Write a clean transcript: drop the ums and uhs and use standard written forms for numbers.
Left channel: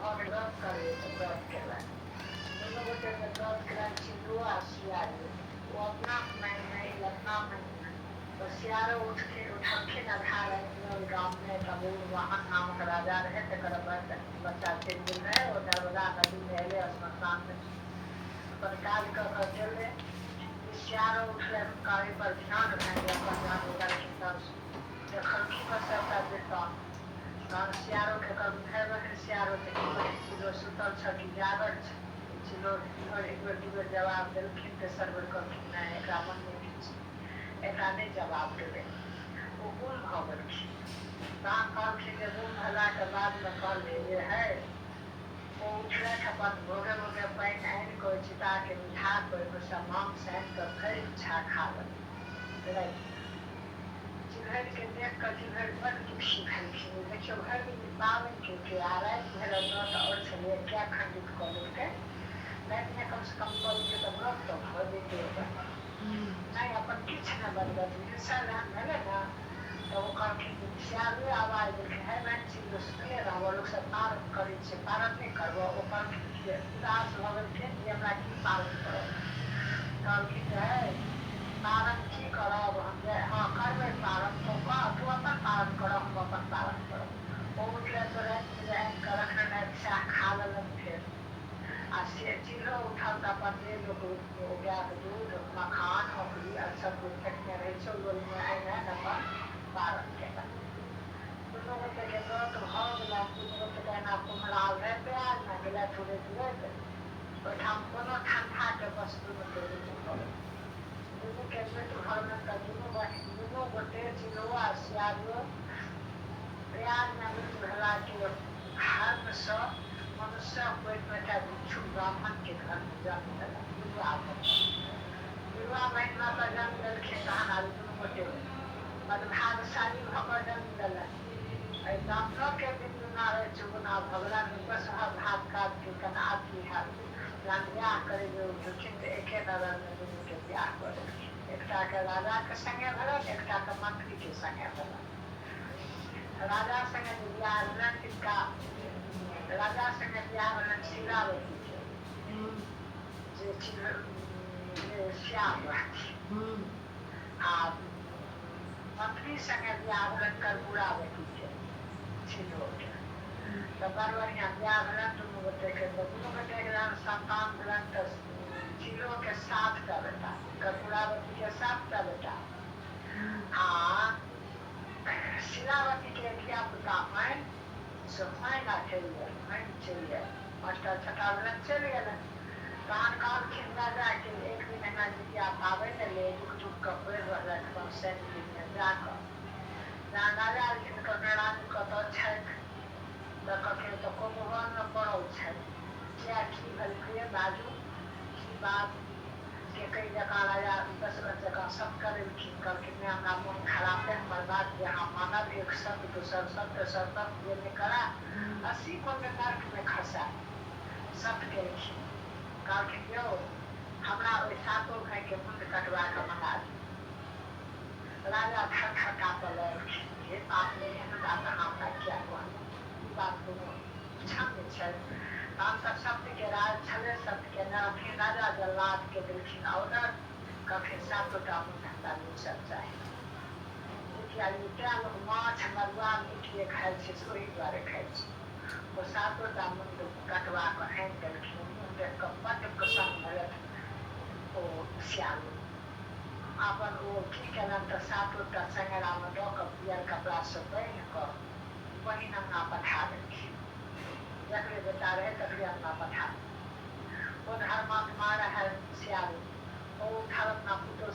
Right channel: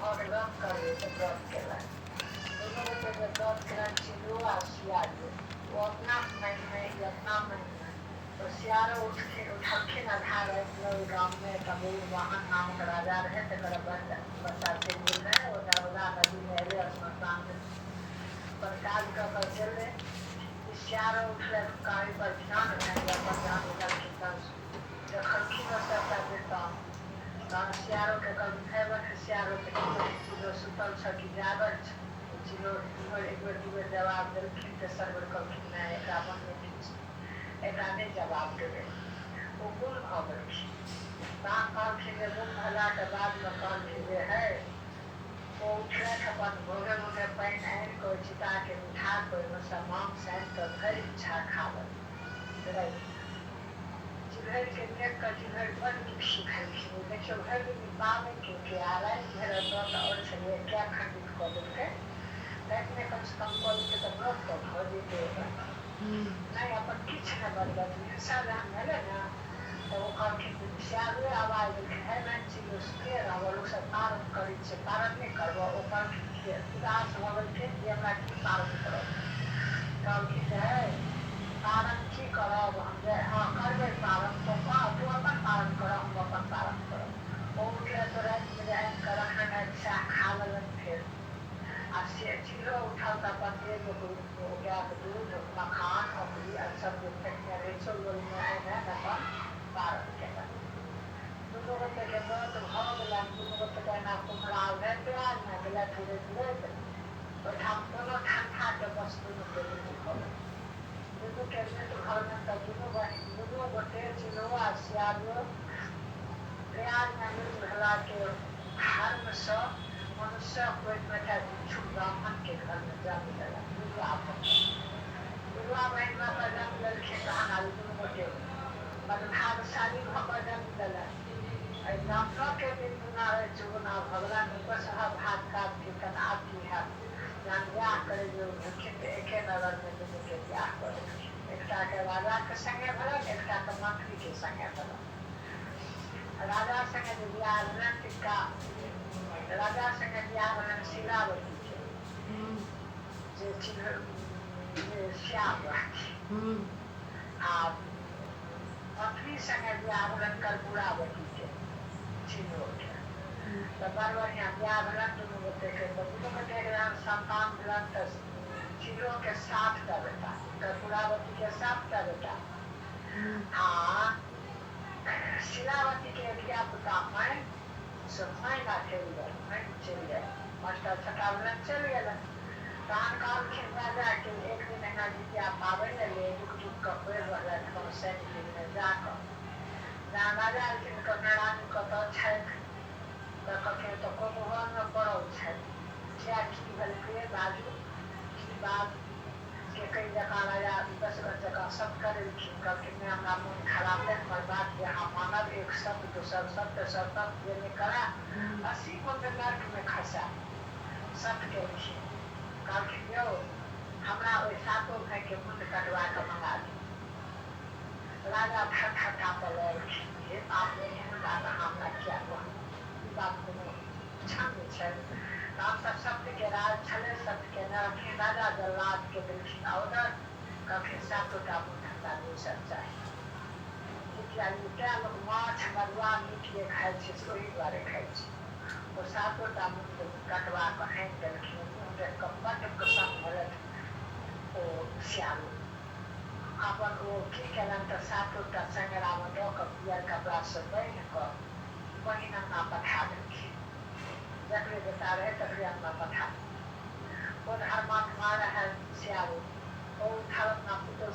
भऽ गेल व्रत करबै तऽ व्रत केलक दुनू गोटे के व्रत केलक चिलो आ सियारो वो अपना मायने में ई अपना मायने में तो सियारो उठलखिन आधा राति गाम में तबूर वाहन नामक राजा रहे तकर बच्चा चलि गेल रहे ओ नर्मदा नदी में एले स्मशान में अपन काज कऽ कऽ गेलै सियारो उठलै कारी पर ध्यान भए अपन ध्यान उठलखिन तब देखलखिन ओ सबटा वृत्तांत तहन सियारो के कहलखिन हे बहिन सियारो के चिलो सुतल छ कि जागल छ चिलो एक बेर दू बेर जवाब देलखिन तेसर बेर कहलखिन नहि एकरा मनमे किछु एकरा नहि जवाब देबै ओ गुम भऽ गेलखिन तहन कहलखिन जे गुम भेलाके बादमे कहलखिन जे है ओ उठलथि अपन भोगे भोगे पानि आनि कऽ चिताके मिठा कऽ ओहिमे सँ मांस आनि कऽ भरि इच्छा खावल चिल्हरि के देख कऽ चिल्हरि बड़ दुखी भेलखिन देखियौ भरि दिन पाबनि के आ राति भरि व्रत आओर छलै क्या खंडित कऽ देलकै रातिमे कम से कम कऽ देलकै तऽ व्रत तऽ भऽ जैतै ओकर नहीं अपन किछु नहि बदलत हिंसा जहन भेलै ने तऽ ओ कहलखिन सियारे आवाज देलखिन हे बहन चिलो सुतले रहबो लोक सब पारण करै छै पारण नहि करबो ओ कहलखिन उदास भऽ गेलखिन जे हमरा की पारण करब कहलखिन जे हे पारण की करब हम जे हाँ करबै पारण तू अपन पारण करब हम अपन पारण करब ओ उठले तो रातिमे जे आनि कऽ रखने रहथि सएह खा लेलनि फेर आ से चिलो उठल तऽ अपन जे लोक गायके दूध मखान औकरी आर सब जे फेटने रहै छै लोलमे आनि अपन पारण केलक दुनू गोटेके व्रत भऽ गेलनि दुनू गोटेके एना कुम्हराल रहै प्यारमे गेलथि उड़ैत उड़ैत ओहिठाम कोनो ठण्डाके बस दुनूके मृत्यु भऽ गेल दुनूके मृत्यु भऽ गेल तऽ दुनू गोटे चिलो आ सियारो प्रयागमे मृत्यु भेलाके धर्मसँ मनुष्य कोइमे भिक्षु ब्राह्मण के घर में जन्म लेलक दुर्गा महिमा पर जन्म लेलखिन तहन आब दुनू गोटे बदभागशाली भऽ कऽ जन्म लेलक एहि ब्राह्मणों के बिन्दुना रहै चुगुना भगवान बसहा भाग काज के कना की हैत जहन ब्याह करे जो भेलखिन तऽ एके नगरमे दुनूके ब्याह कऽ देलखिन एकटाके राजाके संगे भेलनि एकटाके मंत्रीके संगे भेलनि राजा संगे जे ब्याह भेलनि तिनका राजा संगे ब्याह भेलनि शीलावती के जे श्याम रहथिन आ मंत्री संगे ब्याह भेलनि कर्पूरावती के चिलो के तऽ बड़ बढ़िआँ ब्याह भेलनि दुनू गोटेके तऽ दुनू गोटेके जहन संतान भेलनि तऽ चिलो के 7 टा बेटा कर्पूरावती के 7 टा बेटा आ शीलावती के धिया पुता मैन से मैना चलि गेल मास्टर छठा भेलनि चलि गेलनि तहन कहलखिन राजा के एक दिन एना जितिया पाबनि ले दुख दुख कऽ पड़ि रहलथि अपन सैनिकमे जाकऽ जहन राजा एलखिन कहने रानी कतऽ छथि तऽ कहलखिन तऽ कुम्भवनमे पड़ल छथि किया की भेलकै बाजू की बात के कई जकाँ राजा दशरथ जकाँ सब करेलखिन कहलखिन नहि हमरा मोन खराब है हमर बात जे अहाँ मानब एक सत्य दोसर सत्य सत्य जे नहि करा 80 कोन नर्क में खसा सत्य केलखिन कहलखिन यौ हमरा ओहि 7 भाई के मुंड कटवा कऽ मंगा दी राजा थर काँपऽ लगलखिन हे बाप ने एहन बात अहाँ हमरा किया कहलियै ई बात कोनो क्षम्य छै तहन तऽ सत्यके राज छलै सत्यके नहि राजा जल्लाद के देलखिन ऑर्डर कहलखिन 7 टा मुंड हमरा दोसर चाही जितिया तेँ लोक माछ मरुआ मीट जे खाइ छै से ओहि दुआरे खाइ छै ओ 7 टा मुंड कटवा कऽ आनि देलखिन मुँह देख कऽ बड्ड प्रसन्न भेलथि ओ सियारो अपन ओ की केलनि तऽ 7 टा चंगेरामे दऽ कऽ पियर कपड़ासँ बान्हि कऽ बहिन अंगना पठा देलखिन जकरे बेटा रहे तकरे अंगना पठा ओ धर्मात्मा रहे सियारो ओ उठल अपना पुतोह